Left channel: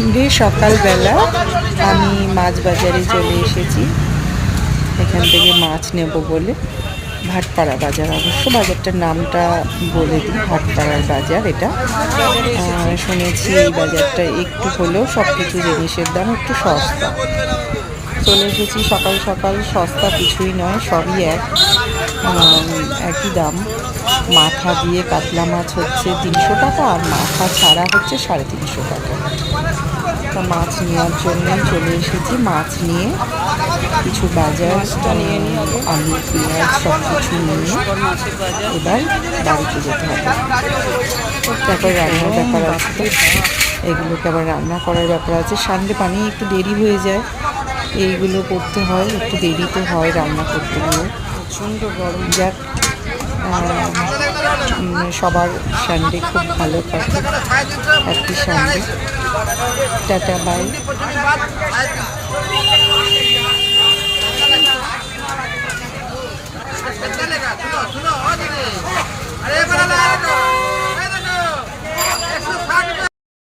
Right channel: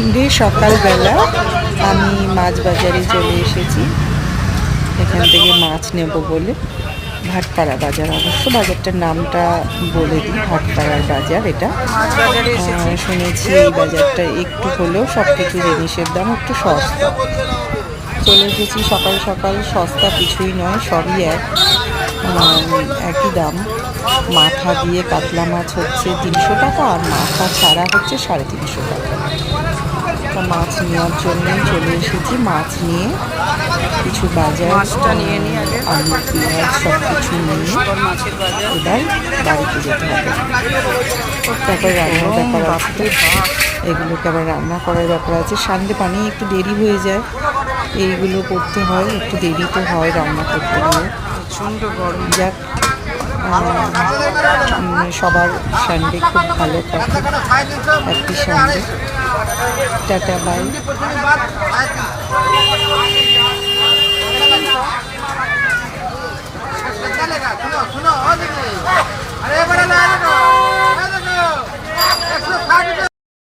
Sunday সকালবেলা আমি মাছ বাজারে চলে এসেছি। এখান থেকে মাছ নেব বলে। ভাটপাড়া বাজার, অবশ্য বাজারটার নামটা বলে দিই, ভাটপাড়ার বাজার এটা। শুনেছি এই বাজারটা একটু হলেও সব কিছু জিনিসের দাম একটু সস্তা। চলে এসেছি সকাল সকাল, সস্তা কিছুই নয়, সবই একই দাম। মাথা দিয়ে কাতলা মাছ হচ্ছে 300 টাকা, আর মাথা ছাড়া হচ্ছে 350 টাকা। তা মাছ নেওয়ার জন্যই চলে এসেছি। মাছ নিয়ে কিছু বাজার, আলু পেঁয়াজ সব কিছু নিয়ে এবার বাড়িতে যেতে হবে। তারপর রান্নার ব্যাপার আছে, তো এগুলোকে আবার রান্না করার ব্যাপার আছে। সানডে পানি একটু দেরি হয়ে যায়, এইগুলো করতে হয়, একটু দেরি তো হয় রান্না করতে গিয়ে। প্রচণ্ড গরম। যাক, সবার সানডে খুব ভালো কাটে। Happy Sunday, tata, by.